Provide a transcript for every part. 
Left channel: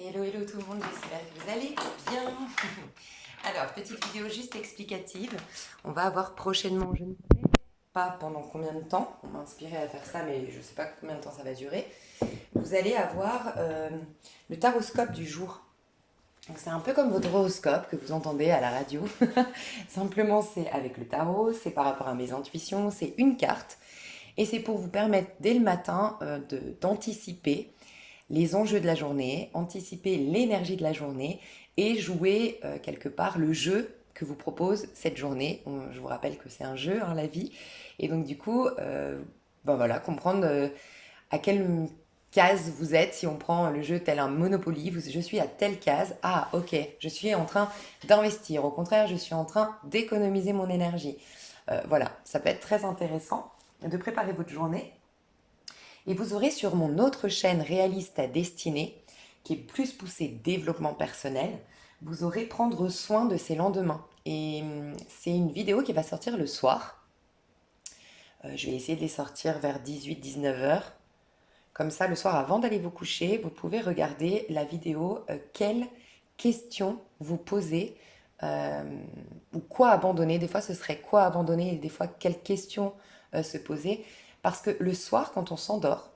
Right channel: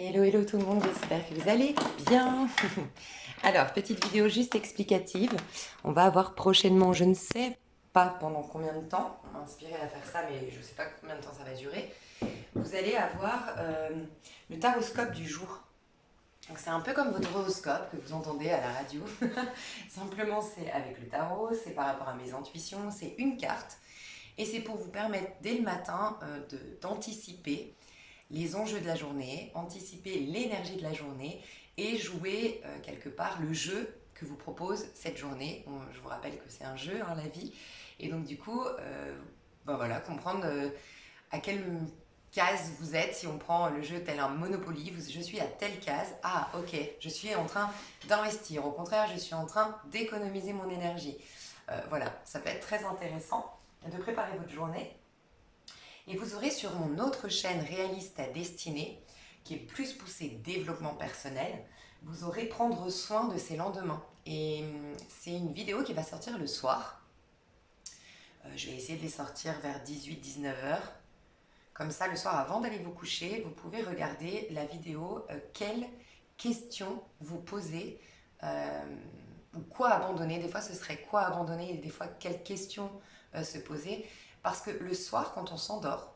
Hello, hello tout le monde, j'espère que vous allez bien. Alors, petite vidéo juste explicative. On va avoir prochainement, je ne sais pas pendant combien de temps, on m'a inspiré à faire ça, mais je ne sais pas combien de temps ça va durer. Vous allez avoir le taroscope du jour. Donc, c'est un peu comme votre horoscope que vous entendez à la radio. Simplement, c'est avec le tarot, c'est par rapport à mes intuitions, c'est une carte. Et c'est pour vous permettre dès le matin d'anticiper les enjeux de la journée, anticiper l'énergie de la journée et jouer quelque part le jeu que vous propose cette journée. Je vous rappelle que c'est un jeu, hein, la vie. Et donc du coup, ben voilà, comprendre à quelle case vous êtes. Si on prend le jeu tel un Monopoly, je suis à telle case. Ah ok, je suis en train d'investir. Au contraire, je suis en train d'économiser mon énergie. Voilà, ça peut être très intéressant de préparer votre journée. Et vous aurez sur mon autre chaîne Réaliste à destinée, qui est plus poussée développement personnel, vous aurez prendre soin de ses lendemains. Et c'est une vidéo qui va sortir le soir. Je vais essayer de les sortir vers 18-19 heures. Comme ça, le soir, avant d'aller vous coucher, vous pouvez regarder la vidéo quelles questions vous posez euh, ou quoi abandonner. Des fois, ce serait quoi abandonner et des fois, quelles questions se poser. Parce que le soir, quand on s'endort,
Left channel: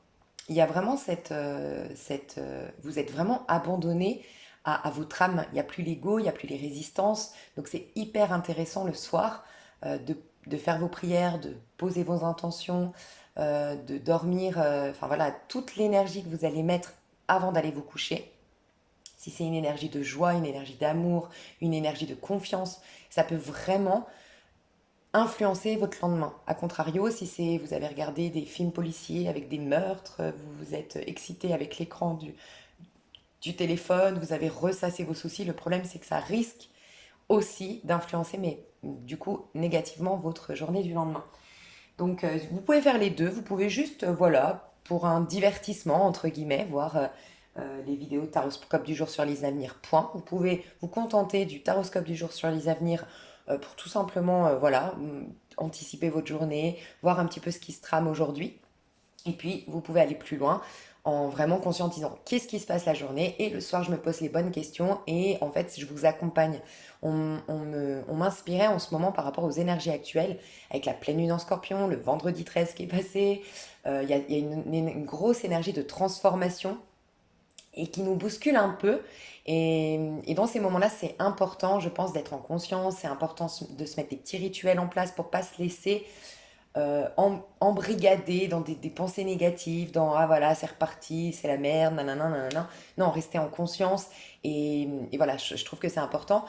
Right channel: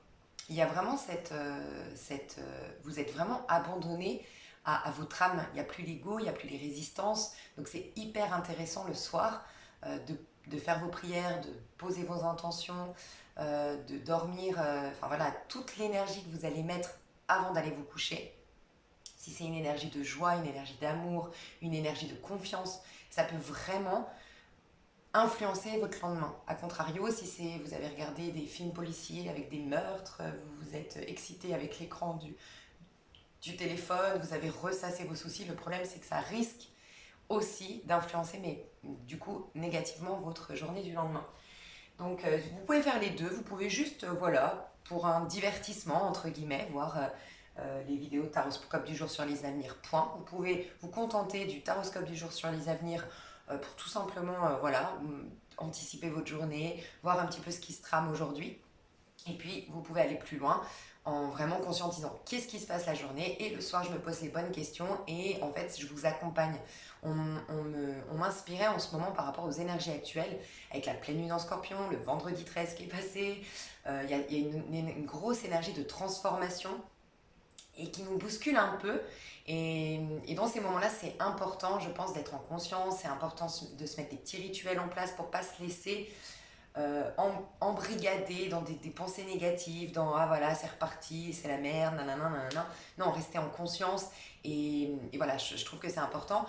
il y a vraiment vous êtes vraiment abandonné à votre âme. Il n'y a plus l'ego, il n'y a plus les résistances. Donc c'est hyper intéressant le soir de faire vos prières, de poser vos intentions, de dormir. Enfin voilà, toute l'énergie que vous allez mettre avant d'aller vous coucher. Si c'est une énergie de joie, une énergie d'amour, une énergie de confiance, ça peut vraiment influencer votre lendemain. A contrario, si c'est vous avez regardé des films policiers avec des meurtres, vous vous êtes excité avec l'écran du téléphone, vous avez ressassé vos soucis, le problème c'est que ça risque aussi d'influencer, mais du coup négativement, votre journée du lendemain. Donc vous pouvez faire les deux, vous pouvez juste, voilà, pour un divertissement, entre guillemets, voir les vidéos taroscope du jour sur les avenirs, point. Vous pouvez vous contenter du taroscope du jour sur les avenirs pour tout simplement, voilà, anticiper votre journée, voir un petit peu ce qui se trame aujourd'hui. Et puis, vous pouvez aller plus loin en vraiment conscientisant qu'est-ce qui se passe la journée. Et le soir, je me pose les bonnes questions et en fait, je vous accompagne. On m'inspirait en ce moment par rapport aux énergies actuelles, avec la pleine lune en scorpion, le vendredi 13 qui est passé. Il y a une grosse énergie de transformation et qui nous bouscule un peu. Et dans ces moments-là, c'est important, je pense, d'être en conscience. C'est important de se mettre des petits rituels en place pour pas se laisser embrigadé dans des pensées négatives, dans ah voilà, c'est reparti, c'est la merde, nanana, nanana. Non, rester en conscience. Et voilà, je trouve que c'est important.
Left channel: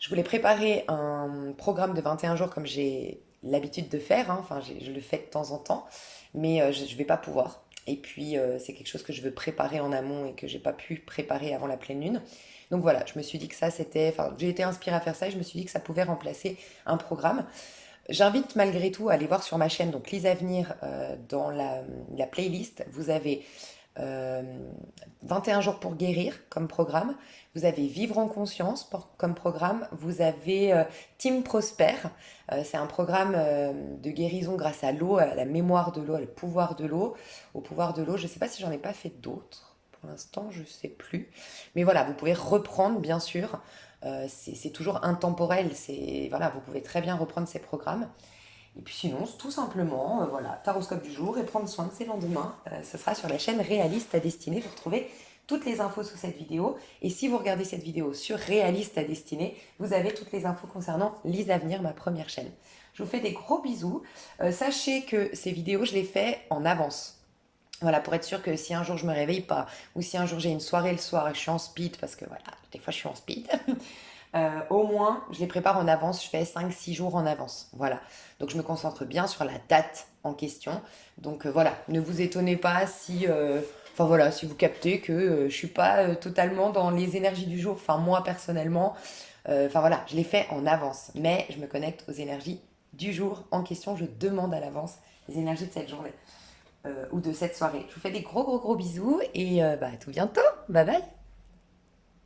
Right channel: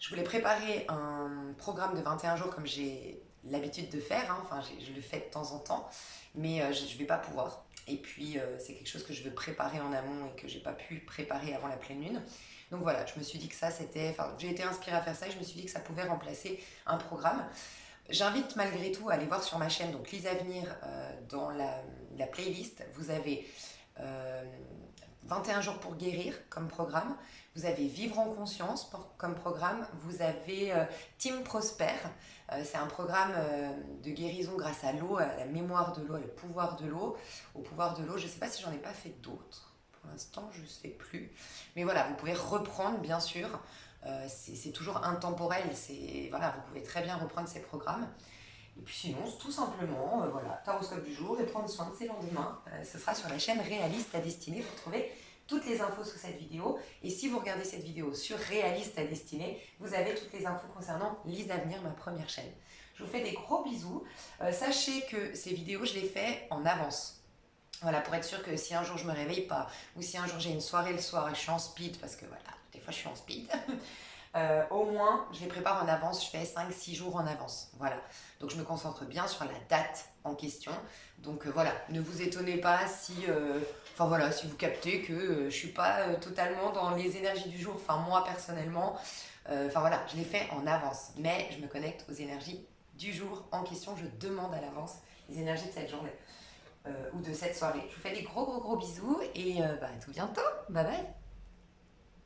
Je voulais préparer un programme de 21 jours comme j'ai l'habitude de faire, hein. Enfin, je le fais de temps en temps, mais je ne vais pas pouvoir. Et puis, c'est quelque chose que je veux préparer en amont et que j'ai pas pu préparer avant la pleine lune. Donc voilà, je me suis dit que ça, c'était. Enfin, j'ai été inspirée à faire ça et je me suis dit que ça pouvait remplacer un programme. J'invite malgré tout à aller voir sur ma chaîne, donc Lise Avenir, dans la playlist, vous avez euh, 21 jours pour guérir comme programme, vous avez Vivre en conscience comme programme, vous avez Team Prosper, c'est un programme de guérison grâce à l'eau, à la mémoire de l'eau, au pouvoir de l'eau, je ne sais pas si j'en ai pas fait d'autres. Pour l'instant, je ne sais plus. Mais voilà, vous pouvez reprendre, bien sûr. C'est toujours intemporel. Voilà, vous pouvez très bien reprendre ces programmes. Et puis sinon, tout simplement, voilà, taroscope du jour et prendre soin de ses lendemains. Ce sera sur la chaîne Réaliste à destinée. Vous retrouvez toutes les infos sous cette vidéo. Et si vous regardez cette vidéo sur Réaliste à destinée, vous avez toutes les infos concernant Lise Avenir, ma première chaîne. Je vous fais des gros bisous. Sachez que ces vidéos, je les fais en avance. Voilà, pour être sûr que si un jour je me réveille pas, ou si un jour j'ai une soirée le soir et je suis en speed, parce que voilà, des fois je suis en speed, au moins je les prépare en avance, je fais 5-6 jours en avance. Voilà, donc je me concentre bien sur la date en question. Donc voilà, ne vous étonnez pas si, enfin voilà, si vous captez que je suis pas totalement dans les énergies du jour, enfin moi personnellement, enfin voilà, je les fais en avance, mais je me connecte aux énergies du jour en question, je demande à l'avance les énergies de cette journée ou de cette soirée. Je vous fais des gros gros gros bisous et bah, à tout bientôt. Bye bye.